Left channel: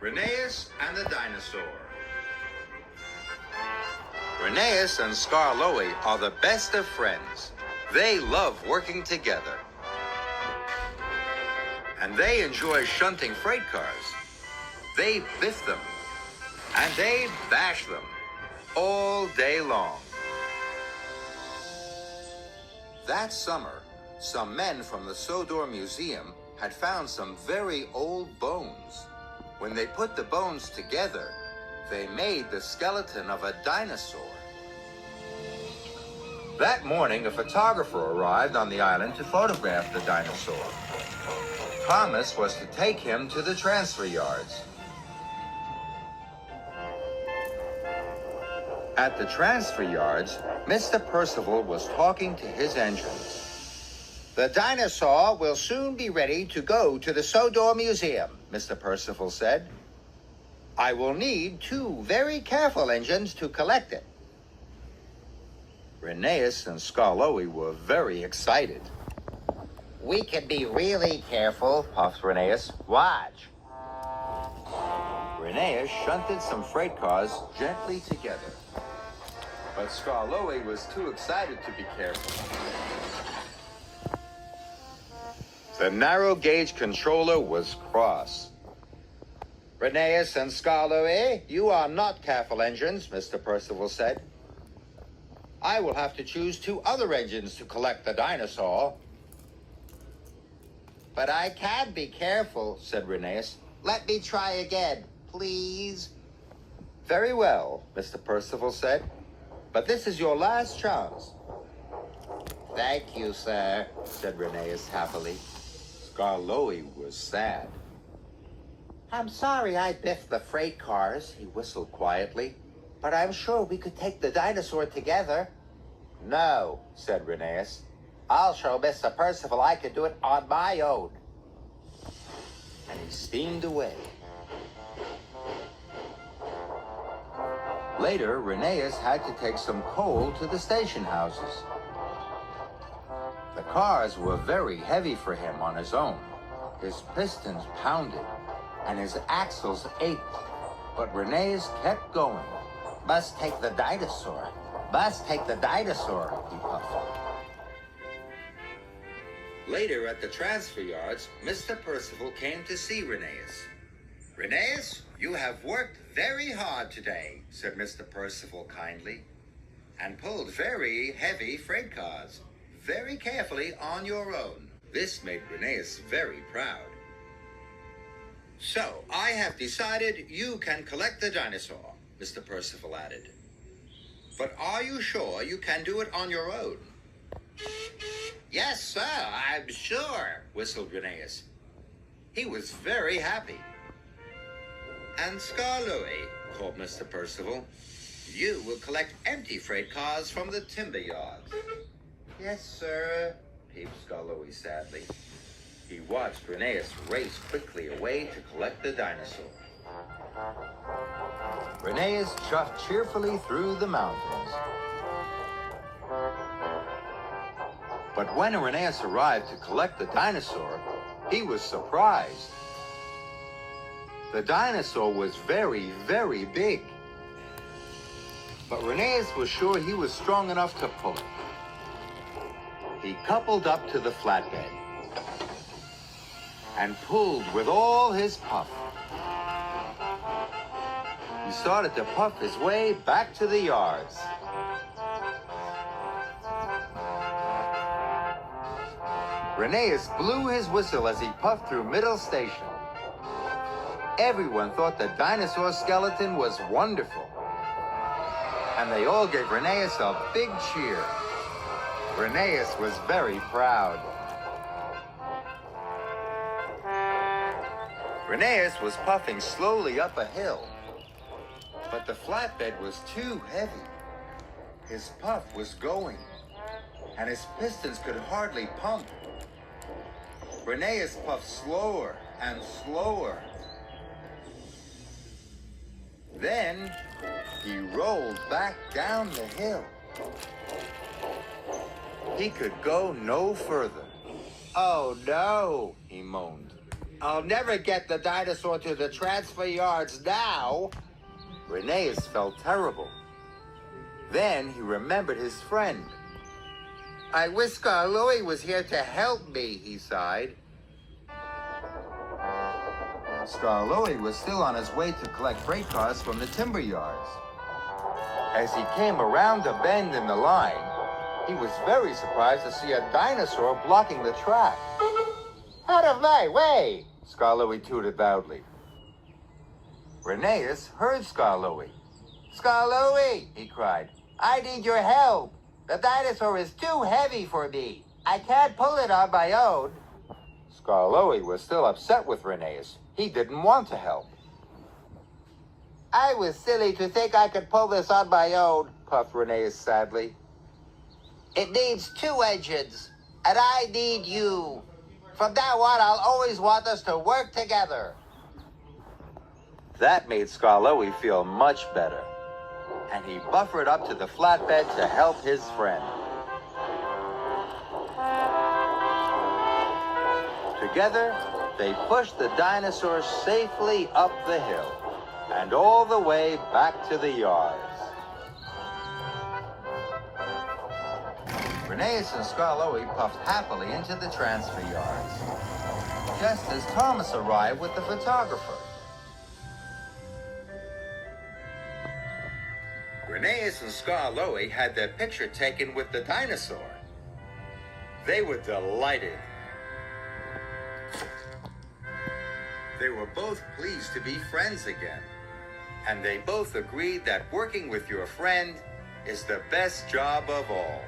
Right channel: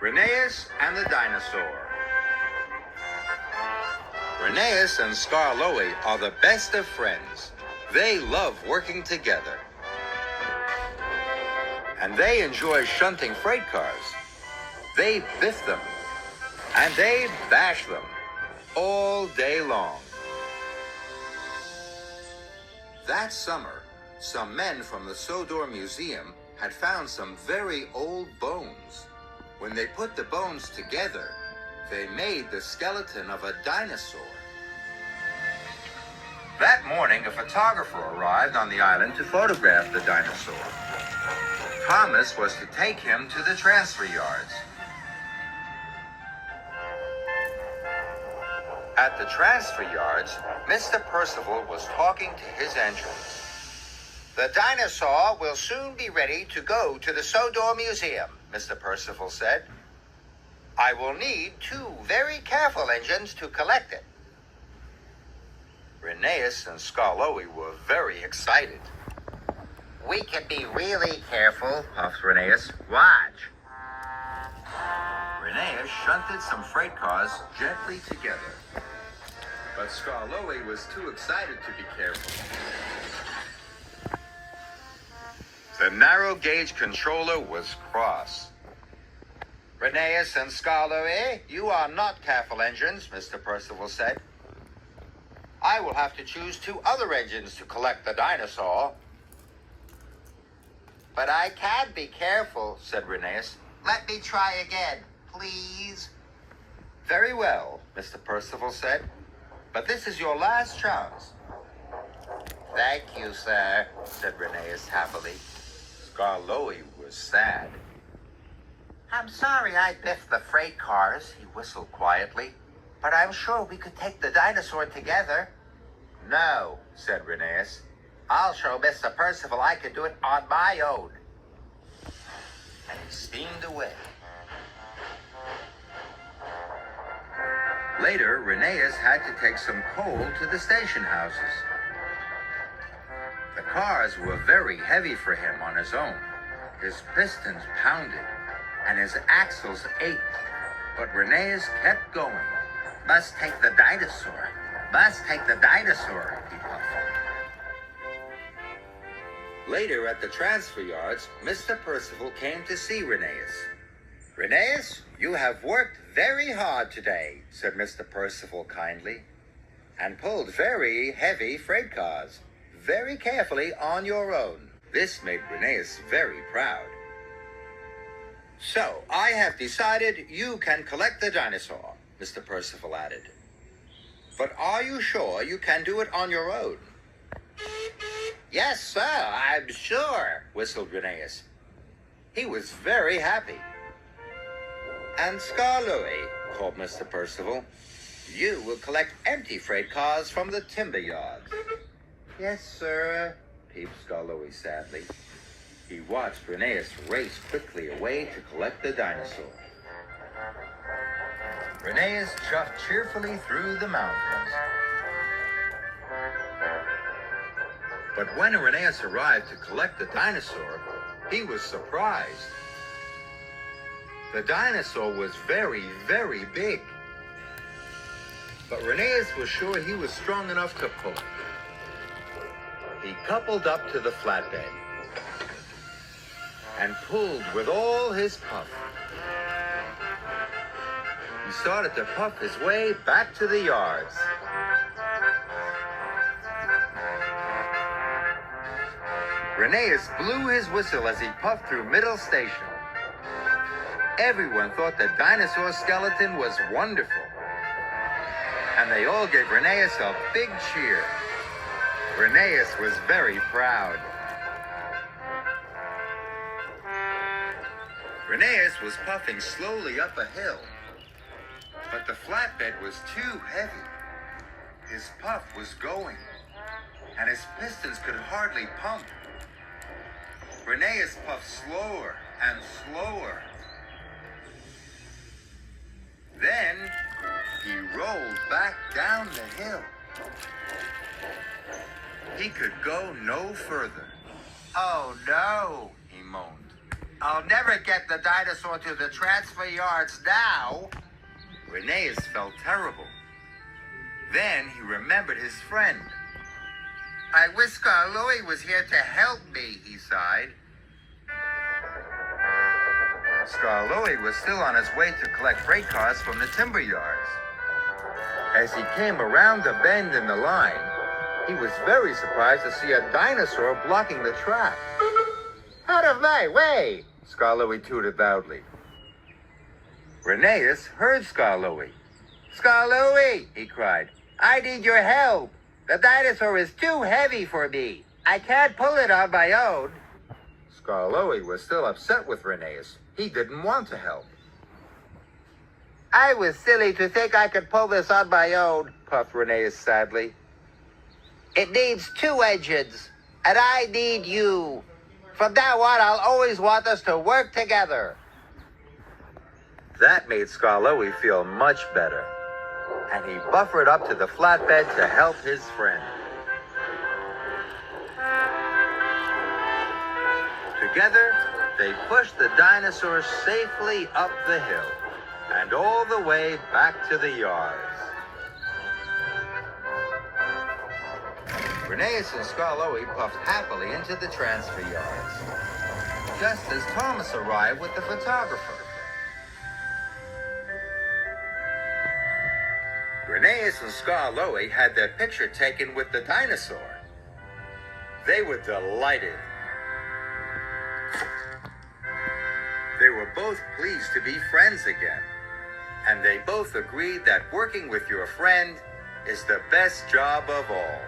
Rheneas and the Dinosaur. Rheneas and Skarloey are the best of friends. They love working together. And they enjoy shunting freight cars. They biff them. And they bash them all day long. That summer, some men from the Sodor Museum had found some very old bones. When they put the bones together, they made the skeleton of a dinosaur. That morning, a photographer arrived on the island to photograph the dinosaur. Promise was to take him to the transfer yards. At the transfer yards, Mr. Percival was talking to his engine. The dinosaur will soon be ready to go to the Sodor Museum, Mr. Percival said. I will need 2 very careful engines to collect it. Rheneas and Skarloey were very excited. We can be really careful, puffed Rheneas. Watch. Rheneas shunted some freight cars gently together. But Skarloey was too excited to be careful. The narrow gauge controller was cross. Rheneas and Skarloey, you are not careful engines, Mr. Percival said. I will have to choose 2 other engines to collect the dinosaur. But I can be careful, said Rheneas. Let me try again, please. Very well, Mr. Percival said. But this is your last chance. Thank you, sir, said Rheneas happily. Skarloey was sad. I'm sorry I biffed the freight cars, he whistled quietly. But I'm sure we could take the dinosaur together. No, said Rheneas. I'll show Mr. Percival I can do it on my own. And he steamed away. Later, Rheneas had to take some coal to the station houses. The cars were very heavy for him on his own. His pistons pounded, and his axles ached. But Rheneas kept going. Must take the dinosaur. Must take the dinosaur, he puffed. Later at the transfer yards, Mr. Percival came to see Rheneas. Rheneas, you have worked very hard today, said Mr. Percival kindly, and pulled very heavy freight cars, very carefully on your own. This made Rheneas very proud. So, I have decided you can collect the dinosaur, Mr. Percival added. But are you sure you can do it on your own? Yes, sir, I'm sure, whistled Rheneas. He was very happy. And Skarloey, called Mr. Percival, you will collect empty freight cars from the timber yards. Yes, sir, peeped Skarloey sadly. He watched Rheneas race quickly away to collect the dinosaur. Rheneas chuffed cheerfully through the mountains. But when Rheneas arrived to collect the dinosaur, he was surprised. The dinosaur was very, very big. But Rheneas was sure he was strong enough to pull it. He coupled up to the flatbed and pulled with all his puff. He started to puff his way back to the yards. Rheneas blew his whistle as he puffed through Middle Station. Everyone thought the dinosaur skeleton was wonderful. And they all gave Rheneas a big cheer. Rheneas was very proud. Rheneas was puffing slowly up a hill. But the flatbed was too heavy. His puff was going, and his pistons could hardly pump. Rheneas puffed slower and slower. Then he rolled back down the hill. He could go no further. Oh no, he moaned. I'll never get the dinosaur to the transfer yards now. Rheneas felt terrible. Then he remembered his friend. I wish Skarloey was here to help me, he sighed. Skarloey was still on his way to collect freight cars from the timber yards. As he came around the bend in the line, he was very surprised to see a dinosaur blocking the track. Out of my way, Skarloey tooted loudly. Rheneas heard Skarloey. Skarloey, he cried, I need your help. The dinosaur is too heavy for me. I can't pull it on my own. Skarloey was still upset with Rheneas. He didn't want to help. I was silly to think I could pull this on my own, puffed Rheneas sadly. It needs 2 engines, and I need you. From now on, I'll always want us to work together. That made Skarloey feel much better, and he buffered up to the flatbed to help his friend. Together, they pushed the dinosaur safely up the hill and all the way back to the yards. Rheneas and Skarloey puffed happily into the transfer yards, just as Thomas arrived with the photographer. Rheneas and Skarloey had their picture taken with the dinosaur. They were delighted. They were both pleased to be friends again, and they both agreed that working with your friend is the best job of all.